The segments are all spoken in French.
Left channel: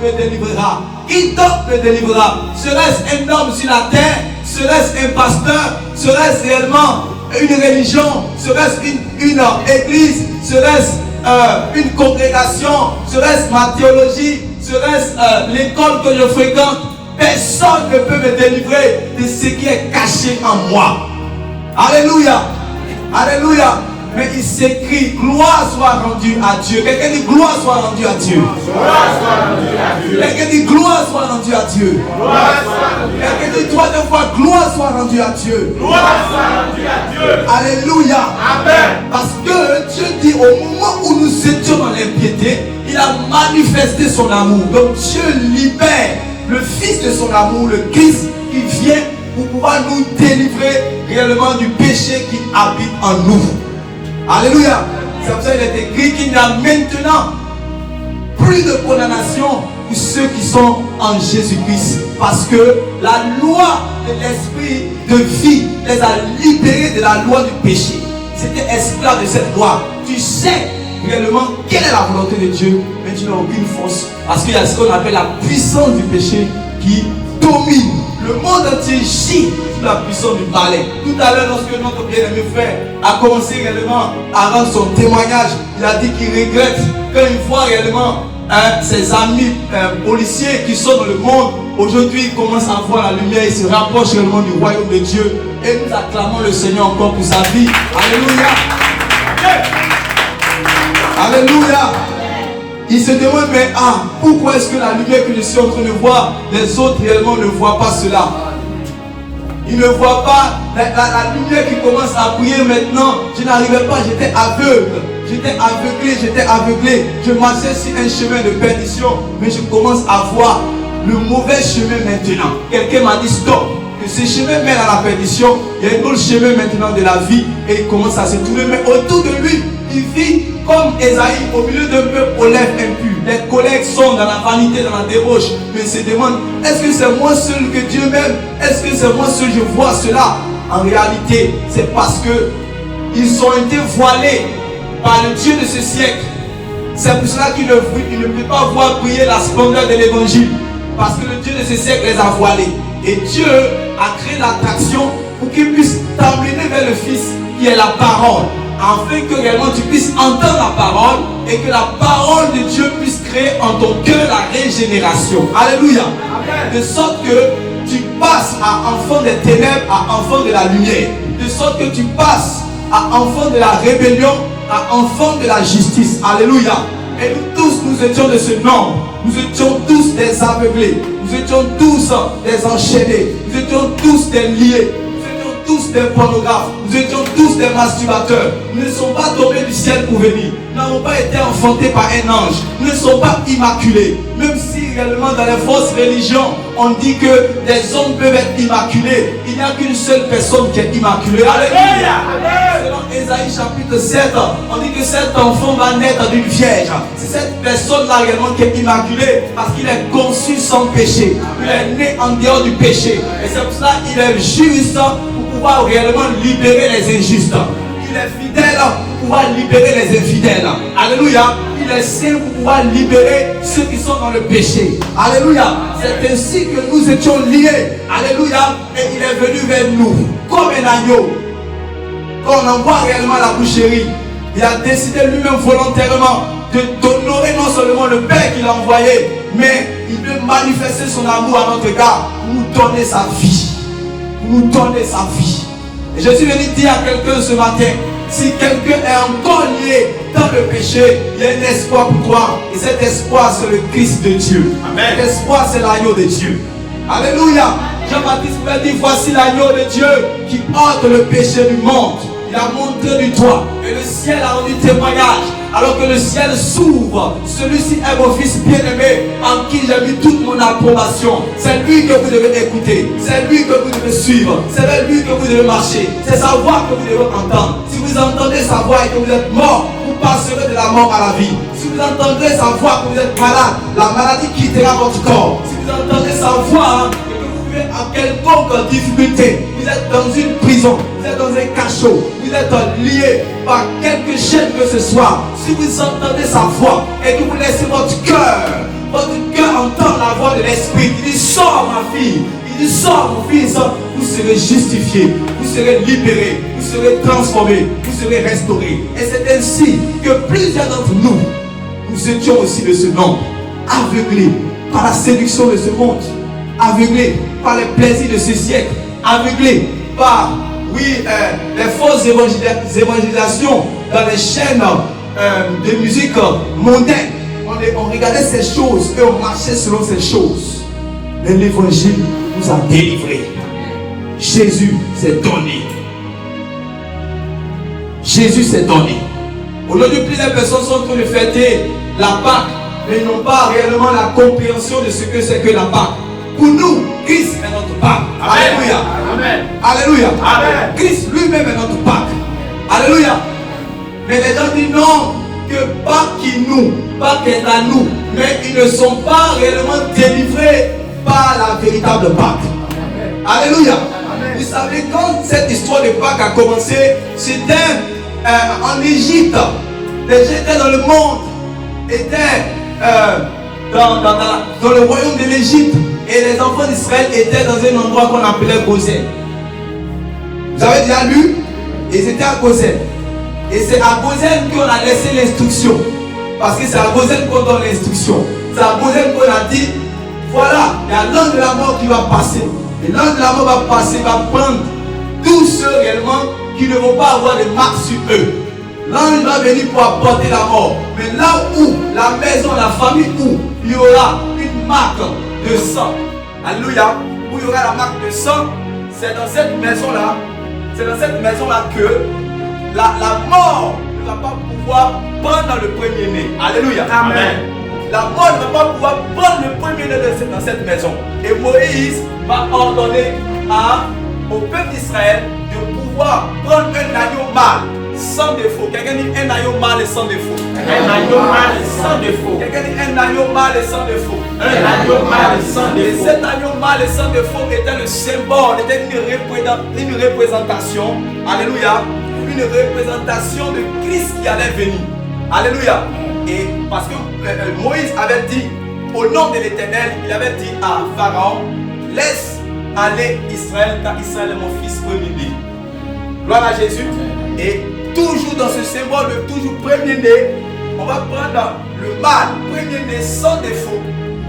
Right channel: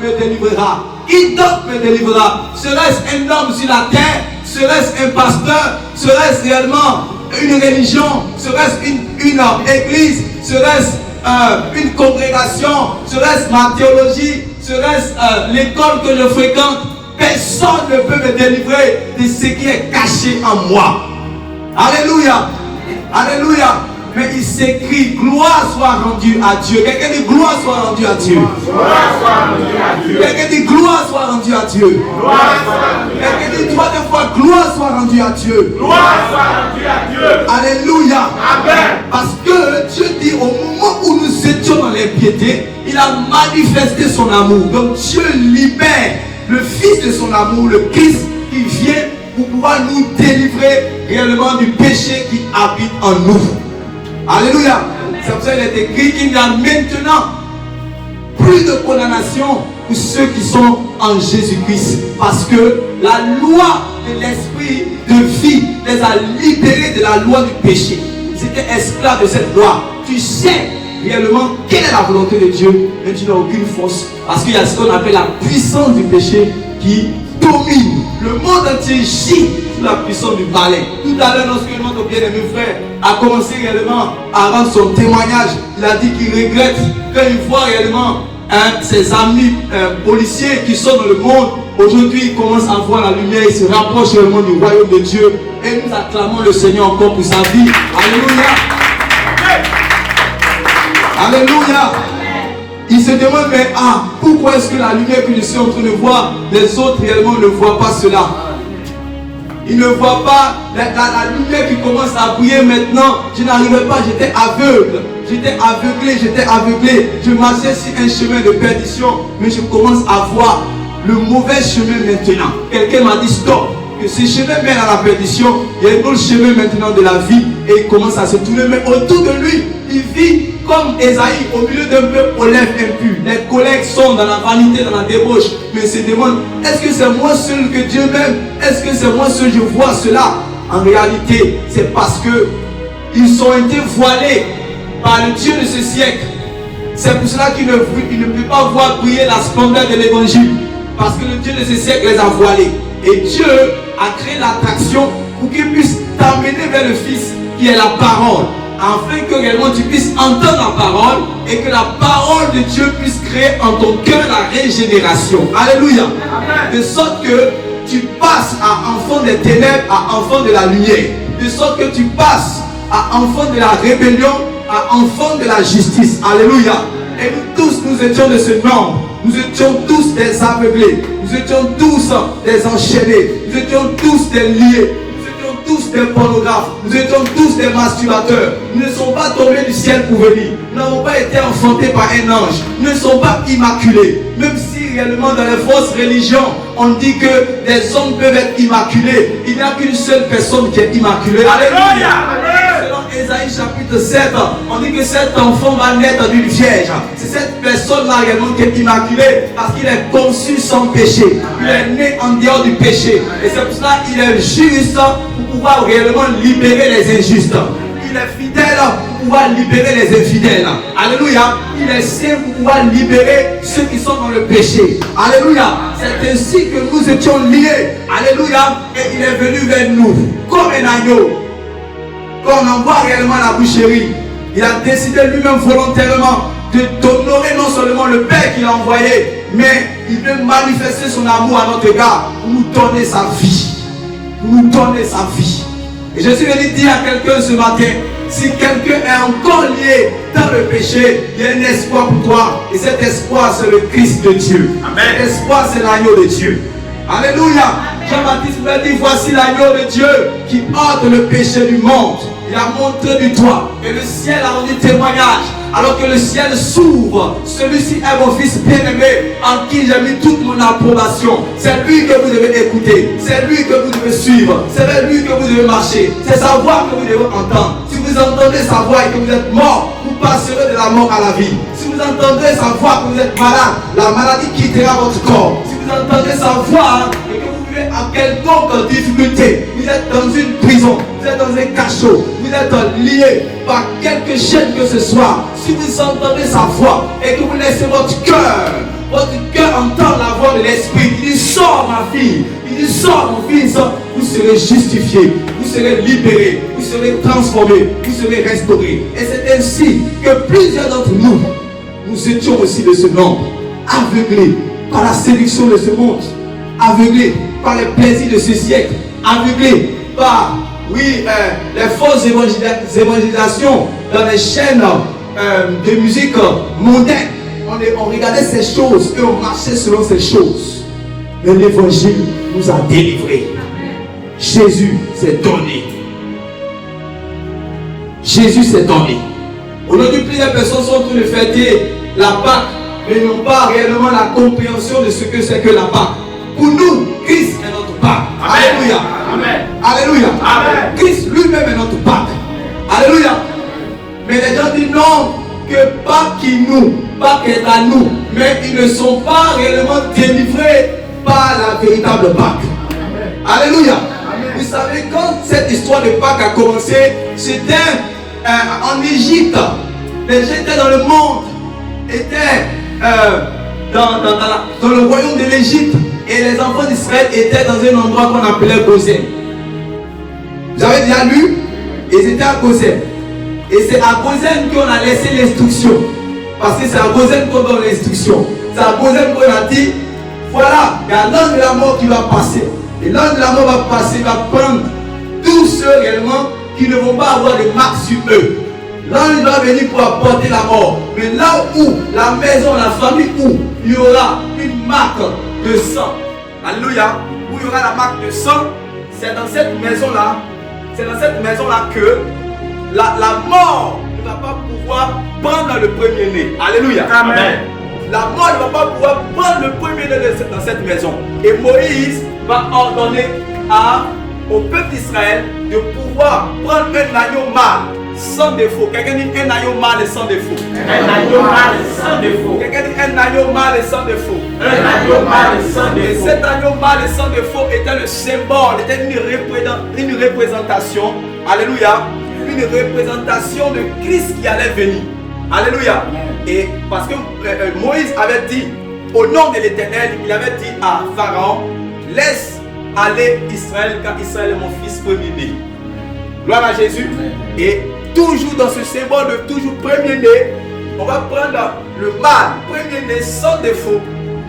me délivrera? Qui donc me délivrera? Serait-ce un homme sur la terre? Serait-ce un pasteur? Serait-ce réellement une religion? Serait-ce une église? Serait-ce une congrégation? Serait-ce ma théologie? Serait-ce l'école que je fréquente? Personne ne peut me délivrer de ce qui est caché en moi. Alléluia. Alléluia. Mais il s'écrit, gloire soit rendue à Dieu. Quelqu'un dit, gloire soit rendue à Dieu. Quelqu'un dit, gloire soit rendue à Dieu. Quelqu'un dit 3 fois, gloire soit rendue à Dieu. Alléluia. Amen. Parce que Dieu dit, au moment où nous étions dans l'impiété, il a manifesté son amour. Donc Dieu libère le Fils de son amour, le Christ, qui vient pour pouvoir nous délivrer réellement du péché qui habite en nous. Alléluia. C'est pour ça qu'il est écrit qu'il n'y a maintenant plus de condamnation pour ceux qui sont en Jésus-Christ. Parce que la loi de l'esprit de vie les a libérés de la loi du péché. Ils étaient esclaves de cette loi. Tu sais réellement quelle est la volonté de Dieu, mais tu n'as aucune force. Parce qu'il y a ce qu'on appelle la puissance du péché qui domine. Le monde entier gît sous la puissance du balai. Tout à l'heure, lorsque notre bien-aimé frère a commencé réellement à rendre son témoignage, il a dit qu'il regrette quand il voit réellement ses amis policiers qui sont dans le monde. Aujourd'hui, il commence à voir la lumière, il se rapproche réellement du royaume de Dieu. Et nous acclamons le Seigneur encore pour sa vie. Alléluia. Alléluia. Il se demande, mais pourquoi est-ce que la lumière que je suis en train de voir, les autres réellement ne voient pas cela? Ils ne voient pas la lumière qui commence à briller maintenant. Je n'arrivais pas, j'étais aveugle. J'étais aveuglé. Je marchais sur un chemin de perdition, mais je commence à voir le mauvais chemin maintenant. Quelqu'un m'a dit stop, que ce chemin mène à la perdition. Il y a un autre chemin maintenant de la vie et il commence à se tourner. Mais autour de lui, il vit comme Esaïe au milieu d'un peuple aux lèvres impues. Les collègues sont dans la vanité, dans la débauche. Mais il se demande, est-ce que c'est moi seul que Dieu m'aime? Est-ce que c'est moi seul que je vois cela? En réalité, c'est parce que ils ont été voilés par le Dieu de ce siècle. C'est pour cela qu'il ne peut pas voir briller la splendeur de l'évangile. Parce que le Dieu de ce siècle les a voilés. Et Dieu a créé l'attraction pour qu'il puisse t'amener vers le Fils qui est la parole. Afin que réellement tu puisses entendre la parole et que la parole de Dieu puisse créer en ton cœur la régénération. Alléluia. De sorte que tu passes à enfant des ténèbres à enfant de la lumière. De sorte que tu passes à enfant de la rébellion à enfant de la justice. Alléluia. Et nous tous, nous étions de ce nombre. Nous étions tous des aveuglés. Nous étions tous des enchaînés. Nous étions tous des liés. Tous des pornographes, nous étions tous des masturbateurs. Nous ne sommes pas tombés du ciel pour venir. Nous n'avons pas été enfantés par un ange. Nous ne sommes pas immaculés. Même si réellement dans les fausses religions, on dit que les hommes peuvent être immaculés, il n'y a qu'une seule personne qui est immaculée. Alléluia. Selon Ésaïe chapitre 7, on dit que cet enfant va naître d'une vierge. C'est cette personne-là réellement qui est immaculée parce qu'il est conçu sans péché. Il est né en dehors du péché. Et c'est pour cela qu'il est juste pour pouvoir réellement libérer les injustes. Il est fidèle pour pouvoir libérer les infidèles. Alléluia. Il est saint pour pouvoir libérer ceux qui sont dans le péché. Alléluia. C'est ainsi que nous étions liés. Alléluia. Et il est venu vers nous comme un agneau. Quand on envoie réellement la boucherie, il a décidé lui-même volontairement d'honorer non seulement le Père qu'il a envoyé, mais il veut manifester son amour à notre égard pour nous donner sa vie. Pour nous donner sa vie. Et je suis venu dire à quelqu'un ce matin, si quelqu'un est encore lié dans le péché, il y a un espoir pour toi. Et cet espoir, c'est le Christ de Dieu. Amen. Cet espoir, c'est l'agneau de Dieu. Alléluia. Jean-Baptiste pouvait dire, voici l'agneau de Dieu qui ôte le péché du monde. Il a montré du doigt. Et le ciel a rendu témoignage. Alors que le ciel s'ouvre, celui-ci est mon fils bien-aimé, en qui j'ai mis toute mon approbation. C'est lui que vous devez écouter, c'est lui que vous devez suivre, c'est vers lui que vous devez marcher, c'est sa voix que vous devez entendre. Si vous entendez sa voix et que vous êtes mort, vous passerez de la mort à la vie. Si vous entendez sa voix que vous êtes malade, la maladie quittera votre corps. Si vous entendez sa voix et que vous vivez en quelconque difficulté, vous êtes dans une prison, vous êtes dans un cachot, vous êtes lié par quelque chaîne que ce soit. Si vous entendez sa voix et que vous laissez votre cœur de l'esprit. Il dit, sors ma fille. Il dit, sors mon fils. Vous serez justifiés, vous serez libérés, vous serez transformés, vous serez restaurés. Et c'est ainsi que plusieurs d'entre nous, nous étions aussi de ce nombre, aveuglés par la séduction de ce monde, aveuglés par les plaisirs de ce siècle, aveuglés par, les fausses évangélisations dans les chaînes de musique mondaine. On regardait ces choses et on marchait selon ces choses. Mais l'évangile nous a délivrés. Jésus s'est donné. Jésus s'est donné. Aujourd'hui, plusieurs personnes sont en train de fêter la Pâque, mais n'ont pas réellement la compréhension de ce que c'est que la Pâque. Pour nous, Christ est notre Pâque. Alléluia. Amen. Alléluia. Amen. Christ lui-même est notre Pâque. Alléluia. Mais les gens disent non, que Pâque qui nous, Pâque est à nous, mais ils ne sont pas réellement délivrés par la véritable Pâque. Alléluia. Amen. Vous savez, quand cette histoire de Pâque a commencé, c'était en Égypte. Les gens étaient dans le monde, étaient dans le royaume de l'Égypte, et les enfants d'Israël étaient dans un endroit qu'on appelait Goshen. Vous avez déjà lu? Ils étaient à Goshen. Et c'est à Goshen qu'on a laissé l'instruction. Parce que c'est à Goshen qu'on donne l'instruction. C'est à Goshen qu'on a dit, voilà, il y a l'ange de la mort qui va passer. Et l'ange de la mort va passer, va prendre tous ceux réellement qui ne vont pas avoir de marques sur eux. L'ange va venir pour apporter la mort. Mais là où la maison, la famille où il y aura une marque de sang, alléluia, où il y aura la marque de sang, c'est dans cette maison-là, que la mort ne va pas pouvoir prendre le premier-né. Alléluia. Amen. La mort ne va pas pouvoir prendre le premier-né dans cette maison. Et Moïse va ordonner au peuple d'Israël de pouvoir prendre un agneau mâle sans défaut. Quelqu'un dit un agneau mâle et sans défaut. Un agneau mâle et sans défaut. Quelqu'un dit un agneau mâle et sans défaut. Un agneau mâle et sans défaut. Et cet agneau mâle et sans défaut était le symbole, était une représentation, alléluia, une représentation de Christ qui allait venir. Alléluia. Et parce que Moïse avait dit, au nom de l'Éternel, il avait dit à Pharaon, laisse aller Israël, car Israël est mon fils premier-né. Gloire à Jésus. Et toujours dans ce symbole de toujours premier-né, on va prendre le mâle, premier-né sans défaut,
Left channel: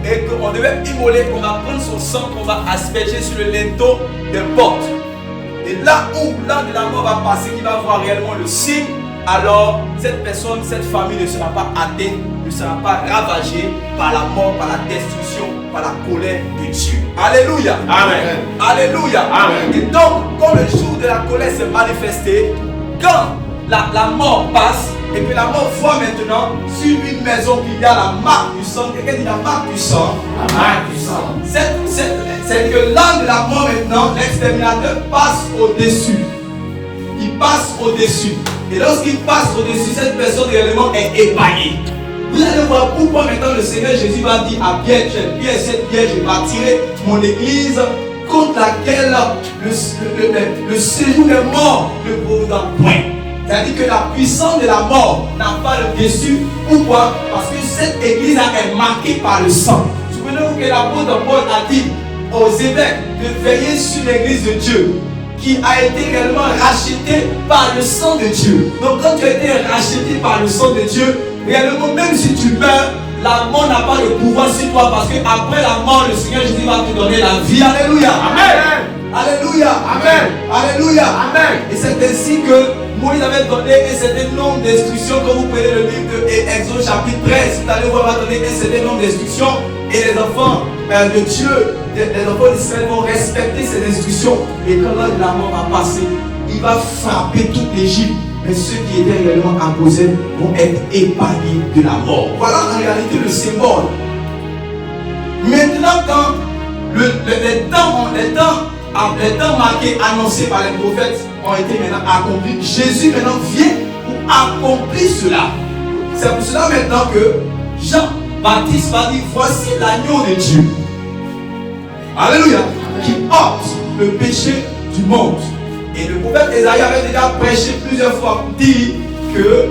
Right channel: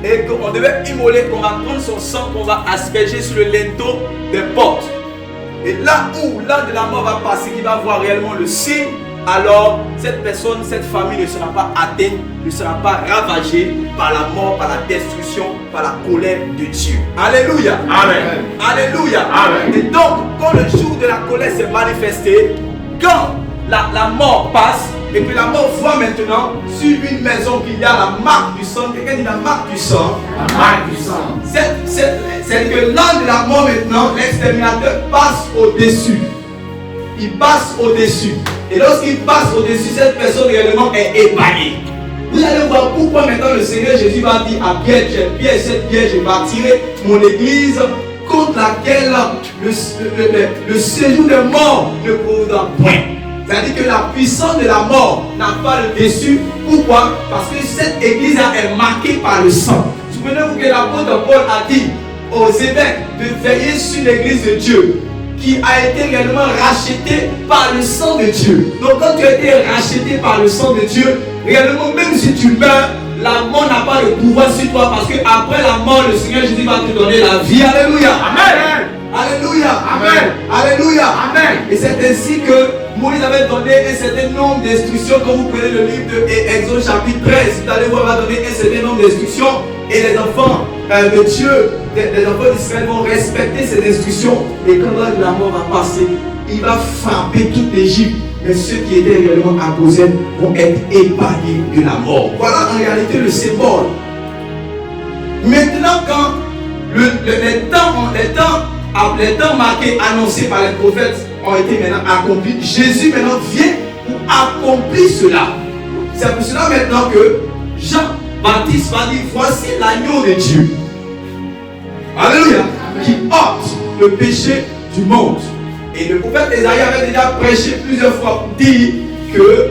et qu'on devait immoler, qu'on va prendre son sang, qu'on va asperger sur le linteau des portes. Et là où l'ange de la mort va passer, il va voir réellement le signe, alors cette personne, cette famille ne sera pas atteinte, ne sera pas ravagée par la mort, par la destruction, par la colère de Dieu. Alléluia. Amen. Alléluia. Amen. Et donc, quand le jour de la colère s'est manifesté, quand la mort passe, et que la mort voit maintenant sur une maison qu'il y a la marque du sang, quelqu'un dit la marque du sang. La marque du sang. C'est que l'ange de la mort maintenant, l'exterminateur passe au-dessus. Il passe au-dessus. Et lorsqu'il passe au-dessus, cette personne réellement est épargnée. Vous allez voir pourquoi maintenant le Seigneur Jésus va dire à Pierre, cette pierre, je bâtirai mon église contre laquelle le séjour des morts ne pourra point. C'est-à-dire que la puissance de la mort n'a pas le dessus. Pourquoi? Parce que cette église est marquée par le sang. Souvenez-vous que l'apôtre Paul a dit aux évêques de veiller sur l'église de Dieu, qui a été réellement rachetée par le sang de Dieu. Donc quand tu as été racheté par le sang de Dieu, réellement même si tu meurs, la mort n'a pas de pouvoir sur toi, parce qu'après la mort, le Seigneur Jésus va te donner la vie. Alléluia. Amen. Alléluia. Amen. Alléluia. Amen. Et c'est ainsi que Moïse avait donné un certain nombre d'instructions. Quand vous prenez le livre de Exode chapitre 13, vous allez voir, il va donner un certain nombre d'instructions. Et les enfants de Dieu, les enfants d'Israël vont respecter ces instructions. Et quand l'ange de la mort va passer, il va frapper toute l'Égypte. Mais ceux qui étaient réellement à Goshen vont être épargnés de la mort. Voilà en réalité le symbole. Maintenant, quand les temps marqués, annoncés par les prophètes ont été maintenant accomplis, Jésus maintenant vient pour accomplir cela. C'est pour cela maintenant que Jean-Baptiste va dire, voici l'agneau de Dieu. Alléluia. Qui ôte le péché du monde. Et le prophète Esaïe avait déjà prêché plusieurs fois, dit que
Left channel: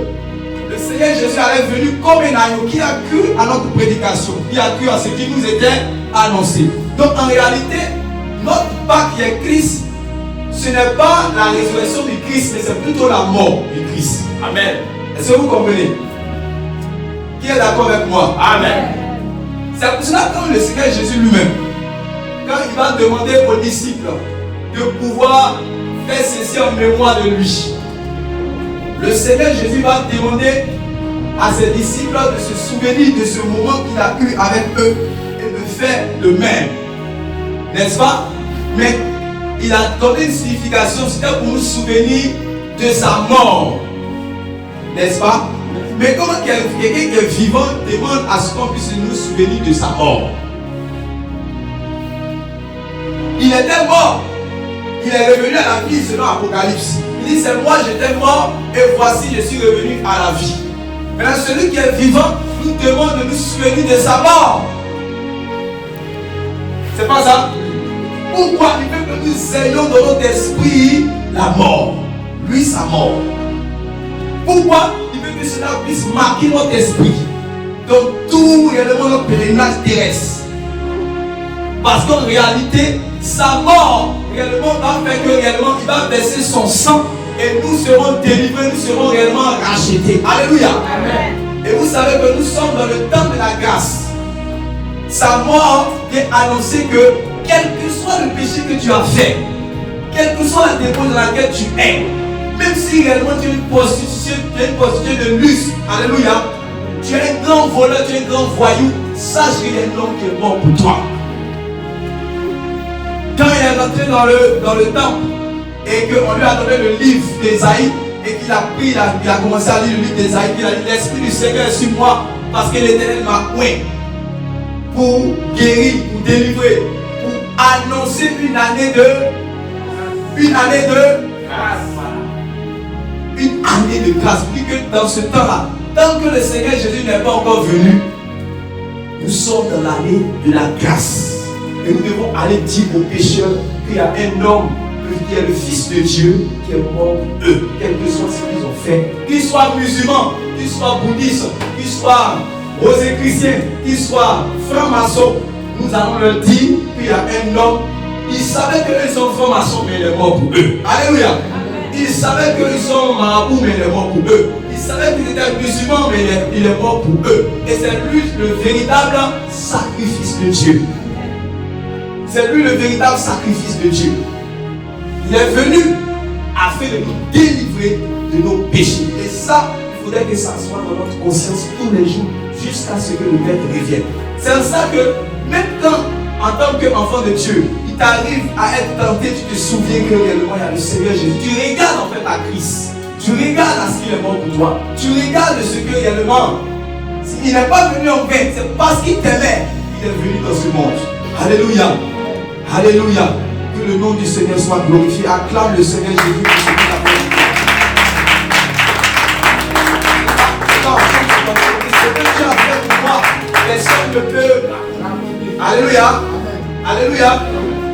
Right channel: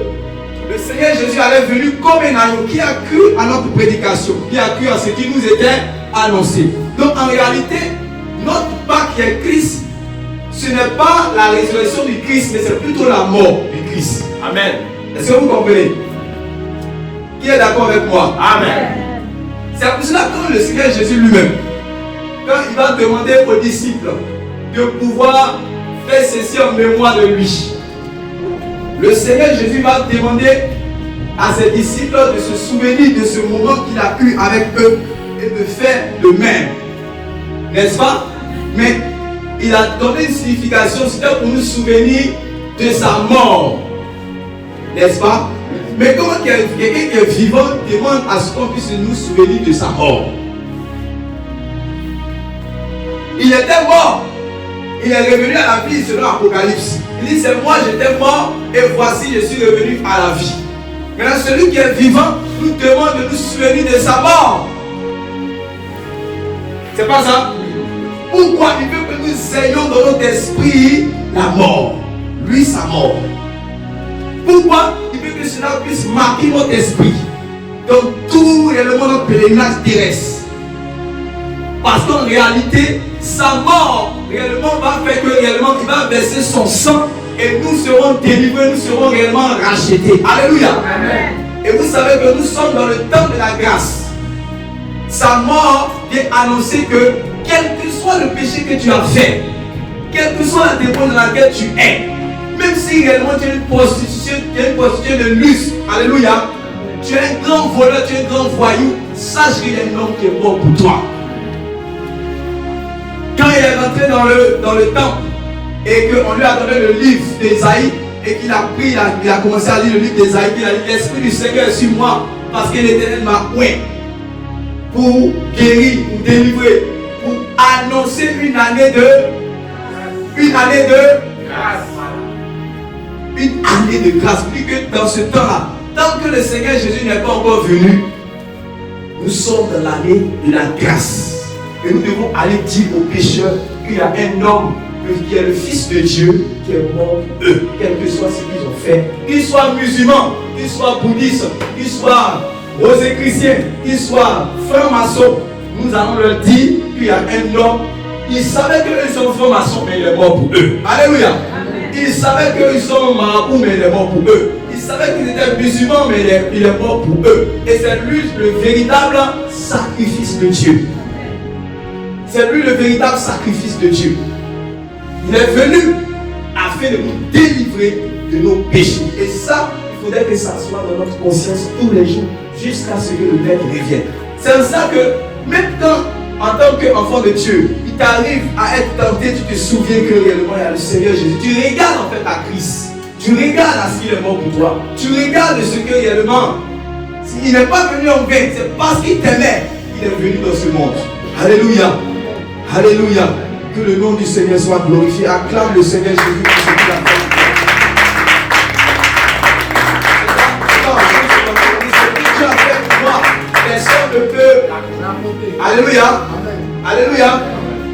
le Seigneur Jésus allait venir comme un agneau qui a cru à notre prédication, qui a cru à ce qui nous était annoncé. Donc en réalité, notre Pâques qui est Christ, ce n'est pas la résurrection du Christ, mais c'est plutôt la mort du Christ. Amen. Est-ce que vous comprenez? Qui est d'accord avec moi? Amen. C'est pour cela que le Seigneur Jésus lui-même, quand il va demander aux disciples de pouvoir faire ceci en mémoire de lui, le Seigneur Jésus va demander à ses disciples de se souvenir de ce moment qu'il a eu avec eux et de faire de même. N'est-ce pas? Mais il a donné une signification, c'était pour nous souvenir de sa mort. N'est-ce pas? Mais comment quelqu'un qui est vivant demande à ce qu'on puisse nous souvenir de sa mort? Il était mort. Il est revenu à la vie selon l'Apocalypse. Il dit, c'est moi, j'étais mort et voici, je suis revenu à la vie. Maintenant, celui qui est vivant nous demande de nous souvenir de sa mort. C'est pas ça? Pourquoi il veut que nous ayons dans notre esprit la mort? Lui, sa mort. Pourquoi il veut que cela puisse marquer notre esprit dans tout réellement notre pèlerinage terrestre? Parce qu'en réalité, sa mort réellement va faire que réellement il va verser son sang et nous serons délivrés, nous serons réellement rachetés. Alléluia. Amen. Et vous savez que nous sommes dans le temps de la grâce. Sa mort vient annoncer que quel que soit le péché que tu as fait, quelle que soit la dépense dans laquelle tu es, même si réellement tu es une prostituée de luxe, alléluia, tu es un grand voleur, tu es un grand voyou, sache qu'il y a un homme qui est mort pour toi. Quand il est rentré dans le temple et qu'on lui a donné le livre d'Ésaïe et qu'il a pris, il a commencé à lire le livre d'Ésaïe, il a dit, l'Esprit du Seigneur est sur moi parce que l'Éternel m'a oint pour guérir, pour délivrer, pour annoncer une année de grâce. Une année de grâce. Plus que dans ce temps-là, tant que le Seigneur Jésus n'est pas encore venu, nous sommes dans l'année de la grâce. Et nous devons aller dire aux pécheurs qu'il y a un homme qui est le Fils de Dieu qui est mort pour eux, quel que soit ce qu'ils ont fait. Qu'ils soient musulmans, qu'ils soient bouddhistes, qu'ils soient rosicruciens, qu'ils soient francs-maçons, nous allons leur dire qu'il y a un homme. Ils savaient qu'ils sont francs-maçons, mais il est mort pour eux. Alléluia. Ils savaient qu'ils sont marabouts, mais il est mort pour eux. Ils savaient qu'ils étaient musulmans, mais il est mort pour eux. Et c'est lui le véritable sacrifice de Dieu. C'est lui le véritable sacrifice de Dieu. Il est venu afin de nous délivrer de nos péchés. Et ça, il faudrait que ça soit dans notre conscience tous les jours, jusqu'à ce que le Maître revienne. C'est pour ça que, même quand, en tant qu'enfant de Dieu, il t'arrive à être tenté, tu te souviens que réellement il y a le Seigneur Jésus. Tu regardes en fait à Christ. Tu regardes à ce qu'il est mort pour toi. Tu regardes ce que réellement, il n'est pas venu en vain. C'est parce qu'il t'aimait qu'il est venu dans ce monde. Alléluia. Alléluia. Que le nom du Seigneur soit glorifié. Acclame le Seigneur Jésus pour ce qu'il a fait. Ce que tu as fait pour moi, personne ne peut. Alléluia. Alléluia.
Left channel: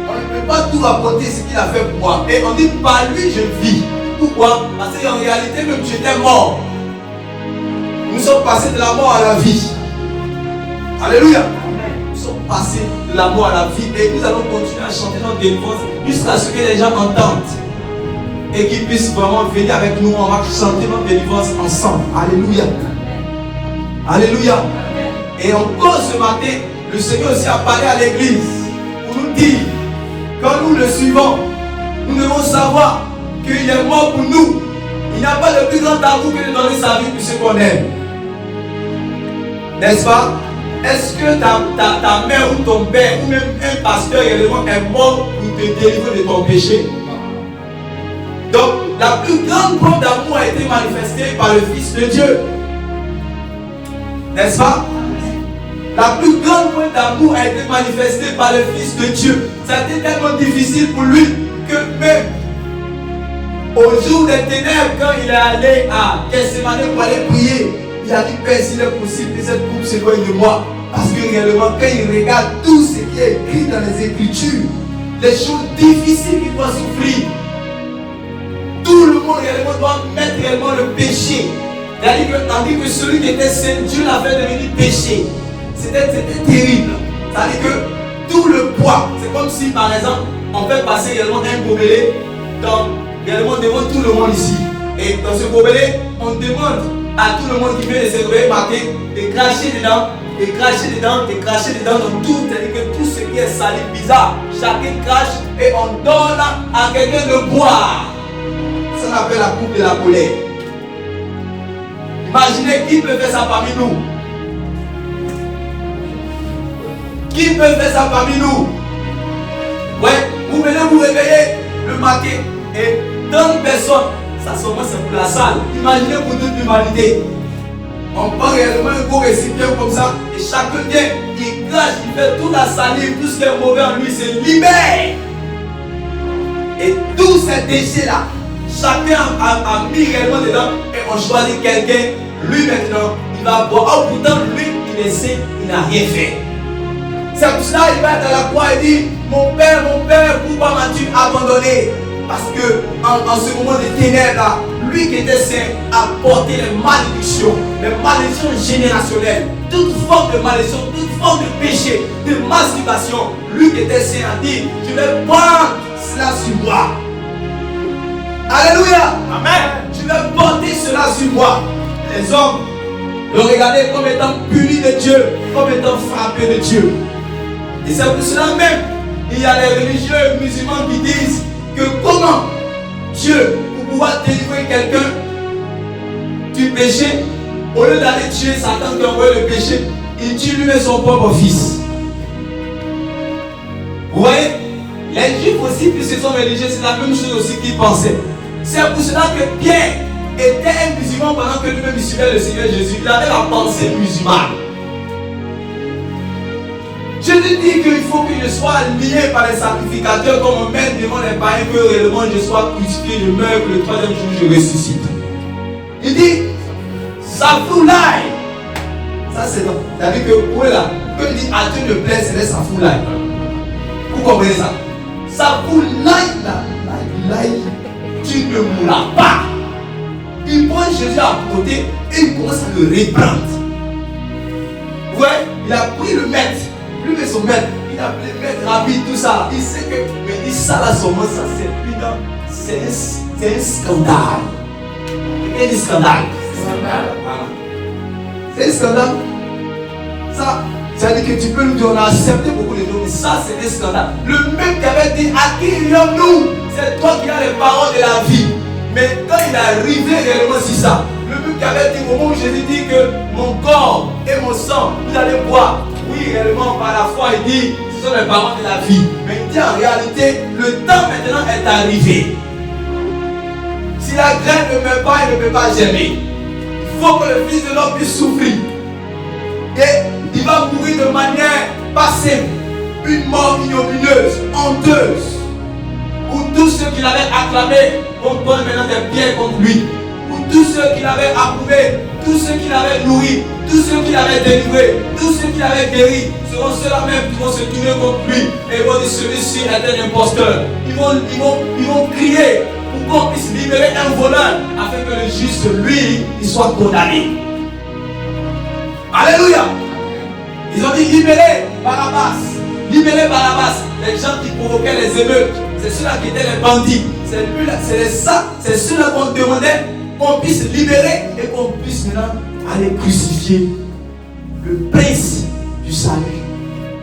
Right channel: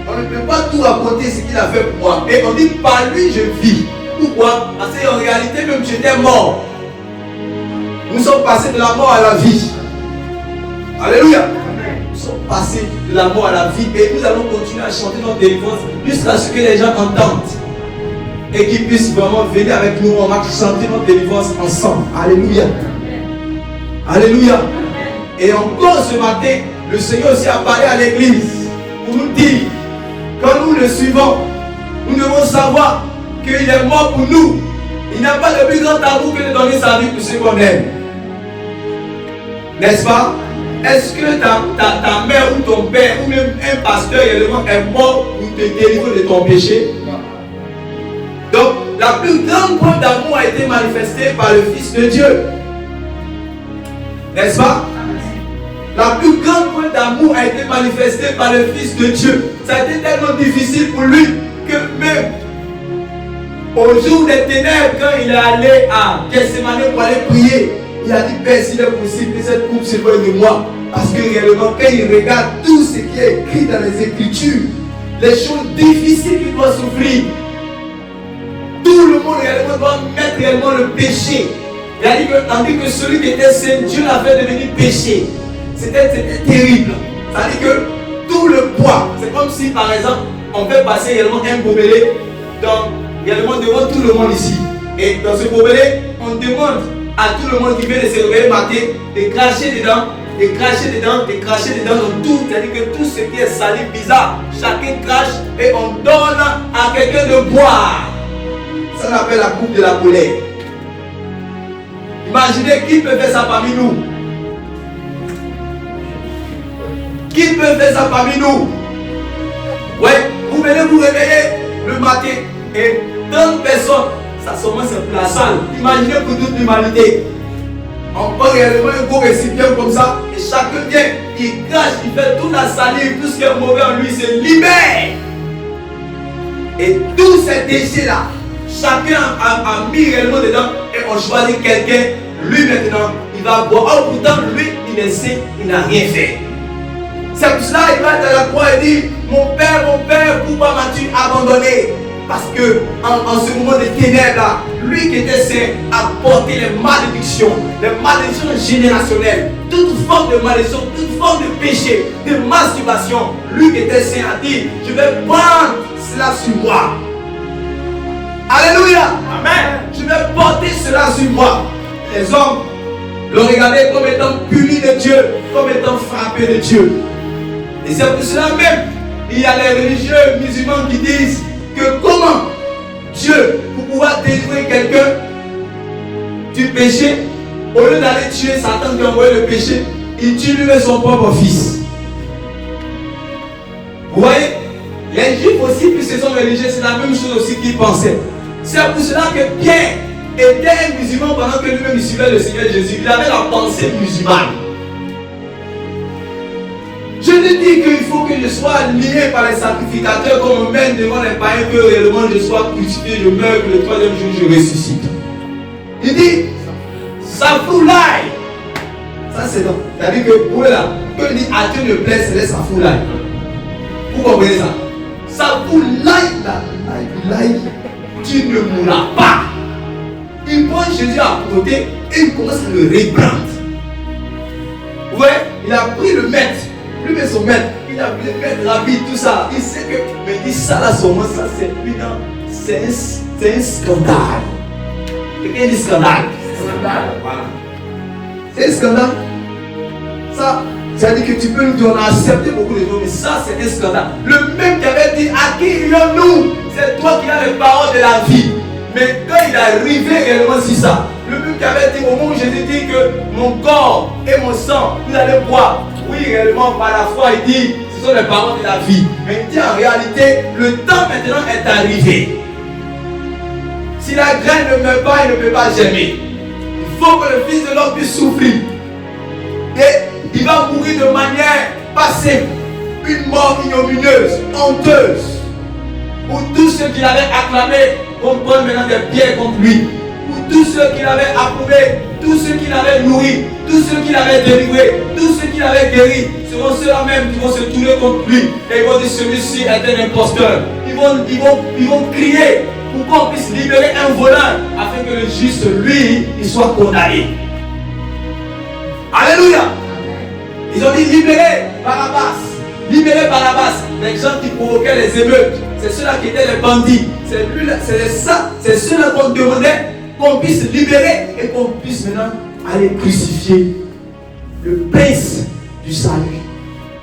On ne peut pas tout rapporter ce qu'il a fait pour moi. Et on dit par lui je vis. Pourquoi? Parce qu'en réalité, même tu étais mort. Nous sommes passés de la mort à la vie. Alléluia. Passer de la mort à la vie et nous allons continuer à chanter notre délivrance jusqu'à ce que les gens entendent et qu'ils puissent vraiment venir avec nous. On va chanter notre délivrance ensemble. Alléluia. Alléluia. Et encore ce matin, le Seigneur aussi a parlé à l'église pour nous dire, quand nous le suivons, nous devons savoir qu'il est mort pour nous. Il n'y a pas de plus grand amour que de donner sa vie pour ceux qu'on aime. N'est-ce pas? Est-ce que ta mère ou ton père ou même un pasteur également est mort pour te délivrer de ton péché? Donc, la plus grande preuve d'amour a été manifestée par le Fils de Dieu. N'est-ce pas? La plus grande preuve d'amour a été manifestée par le Fils de Dieu. Ça a été tellement difficile pour lui que même au jour des ténèbres, quand il est allé à Gethsémani pour aller prier, il a dit, Père, s'il est possible que cette coupe s'éloigne de moi. Parce que réellement, quand il regarde tout ce qui est écrit dans les Écritures, les choses difficiles qu'il doit souffrir, tout le monde réellement doit mettre réellement le péché Tandis que celui qui était saint, Dieu l'a fait devenir péché. C'était terrible. C'est-à-dire que tout le poids, c'est comme si par exemple, on fait passer également un gobelet devant tout le monde ici. Et dans ce gobelet, on demande à tout le monde qui vient de se réveiller matin de cracher dedans, de cracher dedans dans tout. C'est-à-dire que tout ce qui est sali, bizarre, chacun crache et on donne à quelqu'un de boire. Ça on appelle la coupe de la colère. Imaginez qui peut faire ça parmi nous. Qui peut faire ça parmi nous? Ouais, vous venez vous réveiller le matin et 30 personnes, ça seulement c'est pour la salle. Imaginez pour toute l'humanité. On prend réellement un gros récipient comme ça et chacun vient, il crache, il fait toute la salive, tout ce qui est mauvais en lui se libère. Et tous ces déchets là, chacun a mis réellement dedans et on choisit quelqu'un. Lui maintenant, il va boire. Oh, pourtant lui, il est saint, il n'a rien fait. C'est pour cela qu'il va être à la croix et dire, mon père, pourquoi m'as-tu abandonné? Parce que en ce moment de ténèbres là, lui qui était saint a porté les malédictions générationnelles, toute forme de malédiction, toute forme de péché, de masturbation. Lui qui était saint a dit, je vais prendre cela sur moi. Alléluia. Amen. Je vais porter cela sur moi. Les hommes le regardaient comme étant punis de Dieu, comme étant frappés de Dieu. Et c'est pour cela même, il y a les religieux musulmans qui disent que comment Dieu, pour pouvoir délivrer quelqu'un du péché, au lieu d'aller tuer Satan qui a envoyé le péché, il tue lui-même son propre fils. Vous voyez, les juifs aussi, puisqu'ils sont religieux, c'est la même chose aussi qu'ils pensaient. C'est pour cela que Pierre était un musulman pendant que lui-même il suivait le Seigneur Jésus. Il avait la pensée musulmane. Je te dis qu'il faut que je sois lié par les sacrificateurs comme on mène devant les païens, que réellement je sois crucifié, je meurs, que le troisième jour je ressuscite. Il dit, ça fout l'ail. Ça c'est donc. C'est-à-dire que pour là, que il dit à Dieu ne plaît, c'est ça fout l'ail. Vous comprenez ça? Ça fout l'ail. Tu ne mourras pas. Il prend Jésus à côté et il commence à le reprendre. Vous voyez, il a pris le maître. Lui et son maître, il a pris le maître rapide, tout ça. Il sait que, mais il dit ça là, seulement, ça c'est un scandale. Quel est le scandale? Voilà. C'est un scandale. Ça, ça dit que tu peux nous dire, on a accepté beaucoup de choses, mais ça c'est un scandale. Le même qui avait dit, à qui irions-nous? C'est toi qui as les paroles de la vie. Mais quand il est arrivé réellement sur ça, le même qui avait dit au moment où Jésus dit que mon corps et mon sang, vous allez boire. Oui, réellement, par la foi, il dit, ce sont les paroles de la vie. Mais il dit en réalité, le temps maintenant est arrivé. Si la graine ne meurt pas, il ne peut pas germer. Il faut que le Fils de l'homme puisse souffrir. Et il va mourir de manière passive. Une mort ignominieuse, honteuse. Pour tous ceux qui l'avaient acclamé, on prend maintenant des pierres contre lui. Pour tous ceux qui l'avaient approuvé, tous ceux qui l'avaient nourri, tous ceux qui l'avaient délivré, tous ceux qui l'avaient guéri, seront ceux-là même qui vont se tourner contre lui. Et ils vont dire celui-ci est un imposteur. Ils vont crier pour qu'on puisse libérer un voleur afin que le juste, lui, il soit condamné. Alléluia. Ils ont dit libérer Barabbas. Libérer Barabbas. Les gens qui provoquaient les émeutes. C'est ceux-là qui étaient les bandits. C'est ceux-là qu'on demandait qu'on puisse libérer et qu'on puisse maintenant aller crucifier le prince du salut,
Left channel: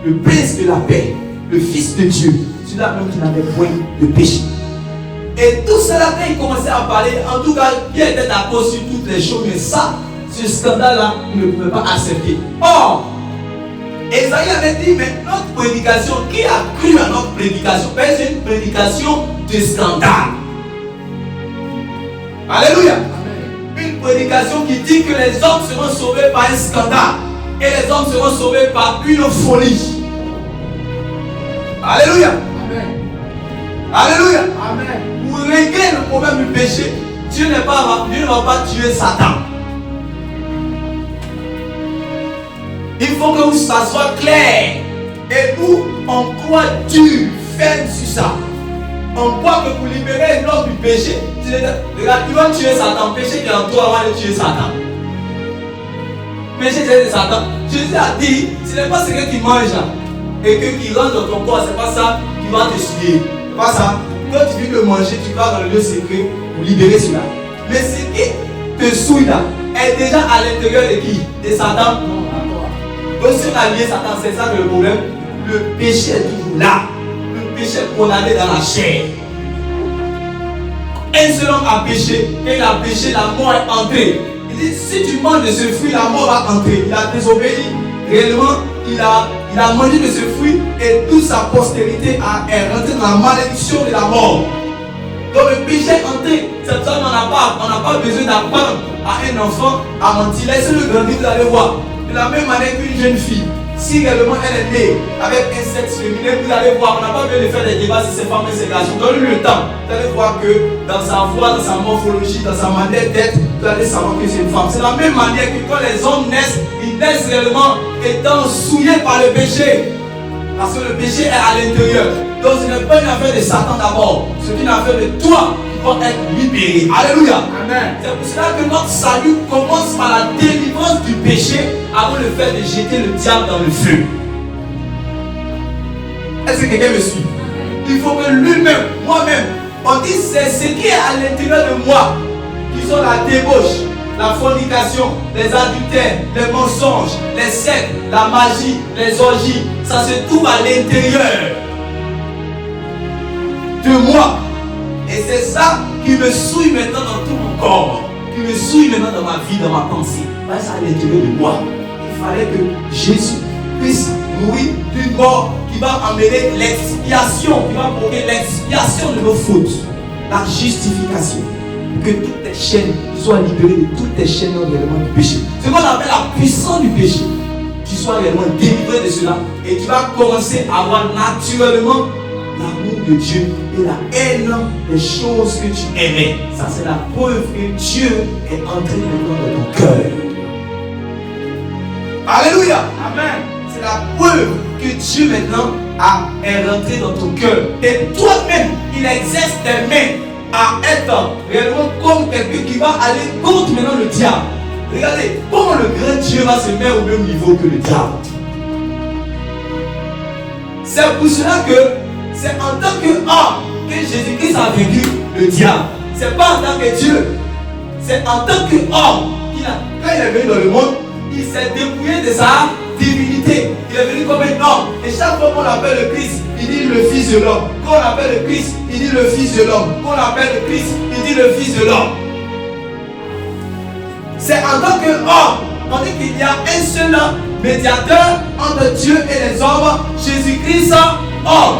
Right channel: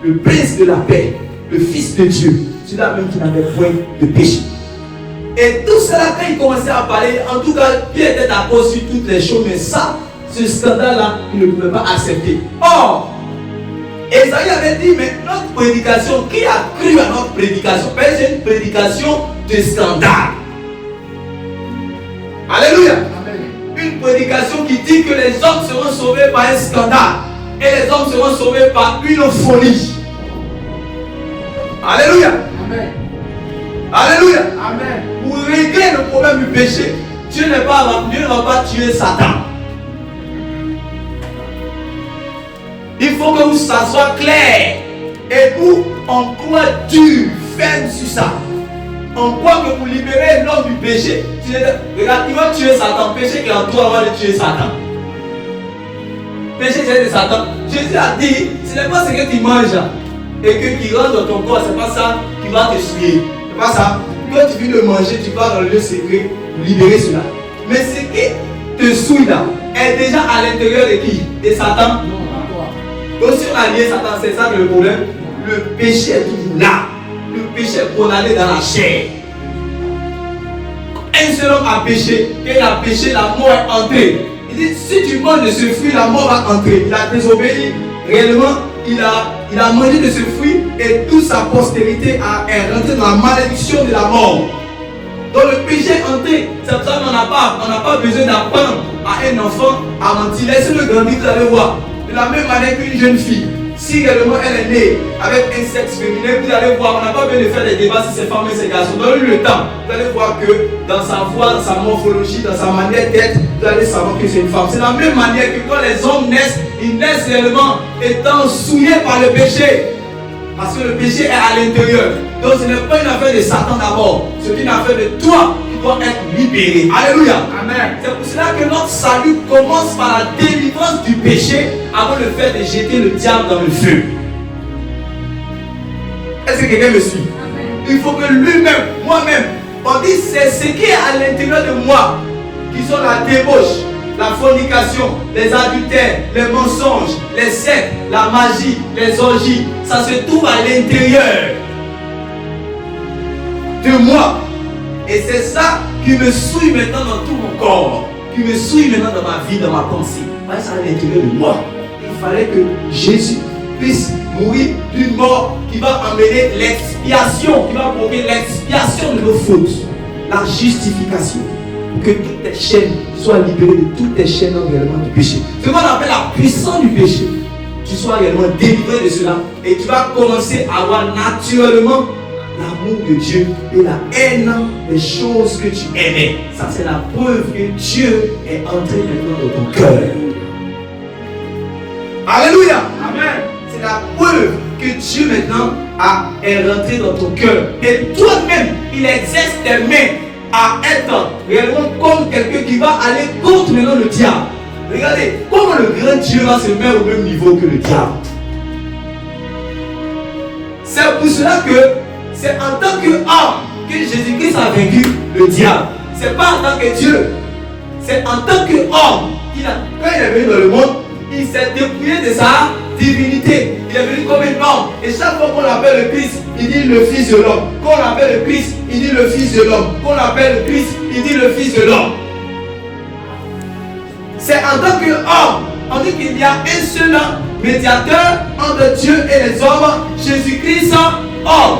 le prince de la paix, le fils de Dieu, celui-là même qui n'avait point de péché. Et tout cela, quand il commençait à parler, en tout cas, Dieu était d'accord sur toutes les choses, mais ça, ce scandale-là, il ne pouvait pas accepter. Or, Esaïe avait dit, mais notre prédication, qui a cru à notre prédication? C'est une prédication de scandale. Alléluia. Une prédication qui dit que les hommes seront sauvés par un scandale et les hommes seront sauvés par une folie. Alléluia. Amen. Alléluia. Amen. Pour régler le problème du péché, Dieu ne va pas tuer Satan. Il faut que ça soit clair. Et nous, on croit dur, ferme sur ça. On croit que pour libérer l'homme du péché, regarde, il va tuer Satan. Le péché qui est en toi, on va le tuer Satan. péché c'est de Satan. Jésus a dit, ce n'est pas ce que tu manges et que qui rentre dans ton corps, c'est pas ça qui va te souiller. C'est pas ça. Quand tu viens de manger, tu vas dans le lieu secret pour libérer cela. Mais ce qui te souille là est déjà à l'intérieur de qui? De Satan. Donc si on a lié Satan, c'est ça que le problème. Le péché est toujours là. Le péché est condamné dans la chair. Un seul homme a péché, et il a péché, la mort est entrée. Il dit, si tu manges de ce fruit, la mort va entrer. Il a désobéi. Réellement, il a mangé de ce fruit et toute sa postérité est rentrée dans la malédiction de la mort. Donc le péché est entré. C'est pour ça qu'on n'a pas besoin d'apprendre à un enfant à mentir. Laissez-le grandir, vous allez voir. De la même manière qu'une jeune fille, si réellement elle est née avec un sexe féminin, vous allez voir, on n'a pas besoin de faire des débats si c'est femme ou c'est garçon. Donnez-lui le temps. Vous allez voir que dans sa voix, dans sa morphologie, dans sa manière d'être, vous allez savoir que c'est une femme. C'est de la même manière que quand les hommes naissent, ils naissent réellement étant souillés par le péché. Parce que le péché est à l'intérieur. Donc ce n'est pas une affaire de Satan d'abord. C'est une affaire de toi qui doit être libéré. Alléluia. Amen. C'est pour cela que notre salut commence par la délivrance du péché avant le fait de jeter le diable dans le feu. Est-ce que quelqu'un me suit? Il faut que lui-même, moi-même, on dit c'est ce qui est à l'intérieur de moi, qui sont la débauche, la fornication, les adultères, les mensonges, les sectes, la magie, les orgies. Ça se trouve à l'intérieur de moi. Et c'est ça qui me souille maintenant dans tout mon corps, qui me souille maintenant dans ma vie, dans ma pensée. Parce que c'est à l'intérieur de moi. Il fallait que Jésus puisse mourir d'une mort qui va amener l'expiation, qui va provoquer l'expiation de nos fautes, la justification, pour que toutes tes chaînes soient libérées de toutes tes chaînes réellement du péché. Ce qu'on appelle la puissance du péché. Tu sois réellement délivré de cela et tu vas commencer à avoir naturellement l'amour de Dieu et la haine des choses que tu aimais. Ça, c'est la preuve que Dieu est entré maintenant dans ton cœur. Alléluia. Amen. C'est la preuve que Dieu maintenant est rentré dans ton cœur. Et toi-même, il exerce tes mains à être réellement comme quelqu'un qui va aller contre maintenant le diable. Regardez, comment le grand Dieu va se mettre au même niveau que le diable. C'est pour cela que c'est en tant qu'homme que Jésus-Christ a vaincu le diable. C'est pas en tant que Dieu. C'est en tant qu'homme. Quand il est venu dans le monde, il s'est dépouillé de sa divinité. Il est venu comme un homme. Et chaque fois qu'on appelle le Christ, il dit le Fils de l'homme. Quand on appelle le Christ, il dit le Fils de l'homme. Quand on appelle le Christ, il dit le Fils de l'homme. C'est en tant qu'homme. On dit qu'il y a un seul médiateur entre Dieu et les hommes, Jésus-Christ, homme.